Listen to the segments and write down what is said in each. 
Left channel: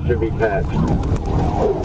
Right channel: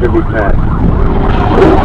should be fast.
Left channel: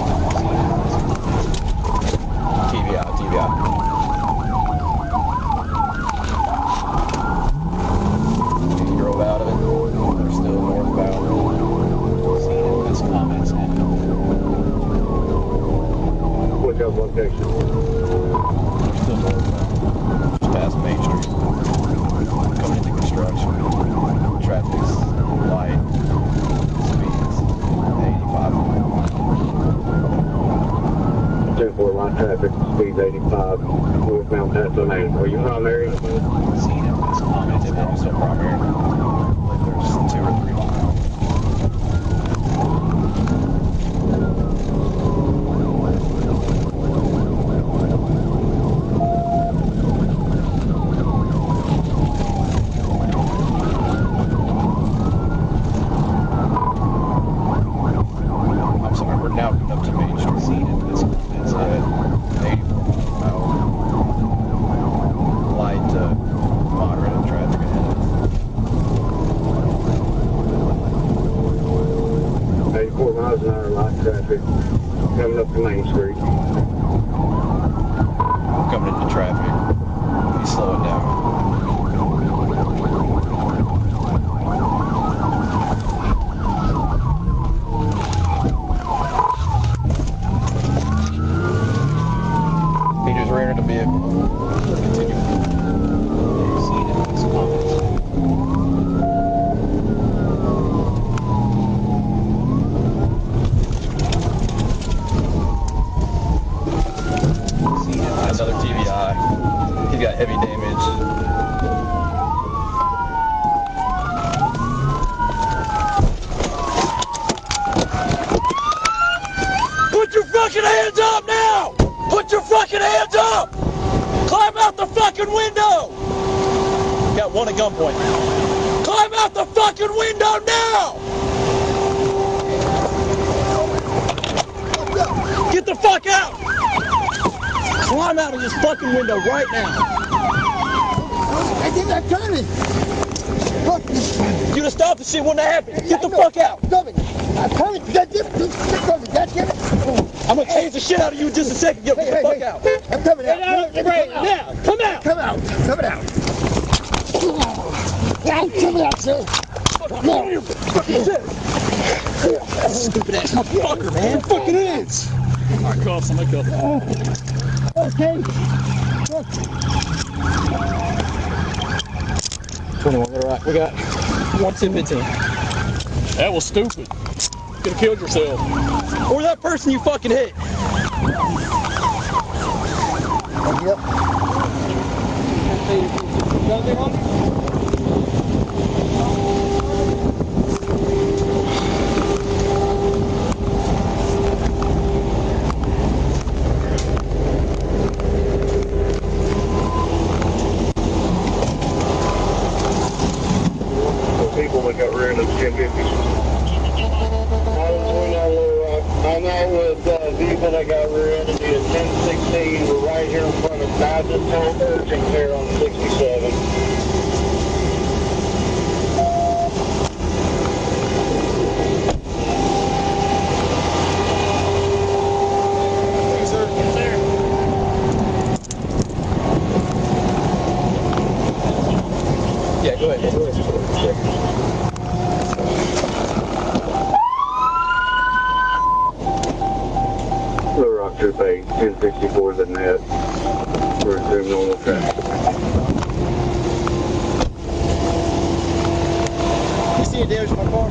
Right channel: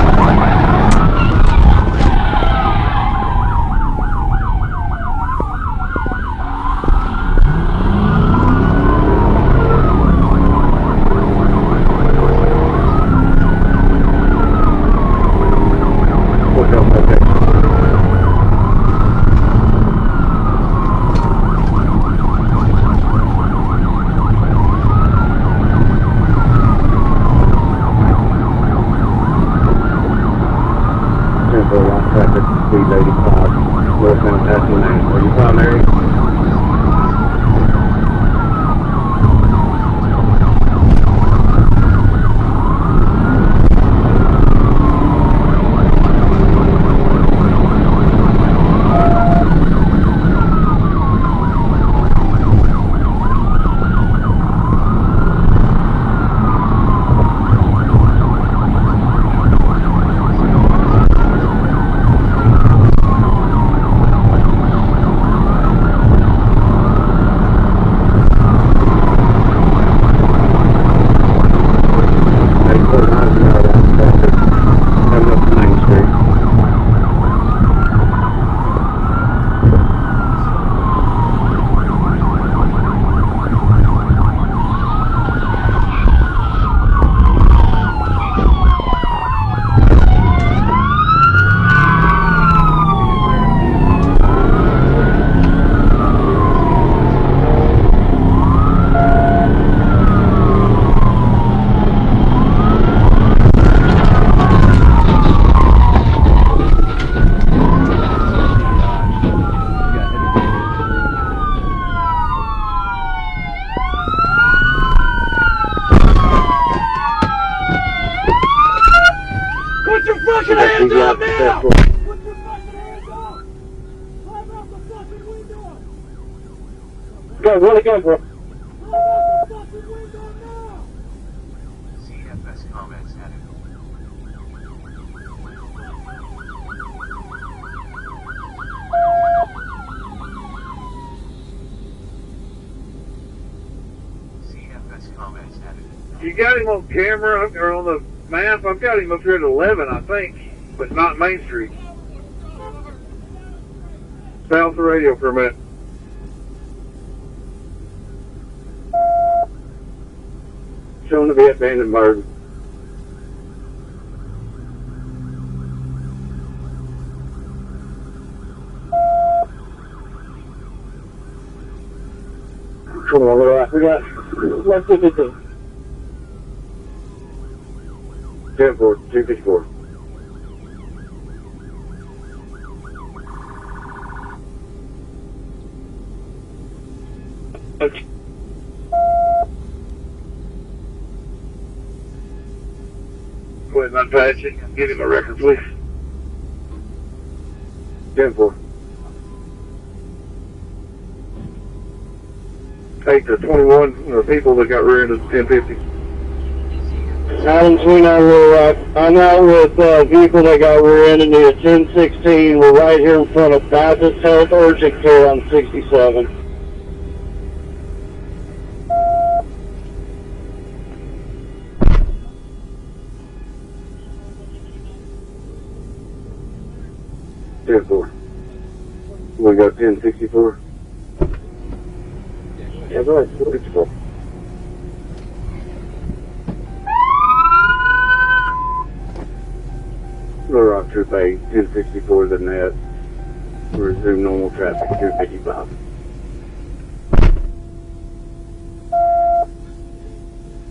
Put your fucking hands up! Climb out the fucking window! Got one to go. Climb out the fucking window now! Get the fuck out! Climb out of this fucking window right now! I think I'm trying. You'd have stopped the shit when that happened. Get the fuck You got out! him on camera up there on the map. I've got him up there at 11, I think. I'm gonna change the shit up for you just a second. Get the fuck out. I'm coming out. Right now. Stay off the radio for a minute. Coming out. I'm coming out, sir. He's going to be abandoned murder. Stupid ass motherfucker, man. Fucking is. Alright, call somebody, call. Okay. 21. That was stupid. Could have killed yourself. Careful. Or that person you fucking hit. Yep. Okay. Wait, my passing. Give him a record, please. Careful. Acre 21, the people that got rear into the 1050. 929 Little Rock. I'm out with a vehicle that got rear into the 1016. We're right here in front of Baptist Health Urgent Care on 67. Careful. We got 1054. Yeah, go ahead. We're on to like 1054 than that. We're doing normal traffic 255. You see a damage to my car?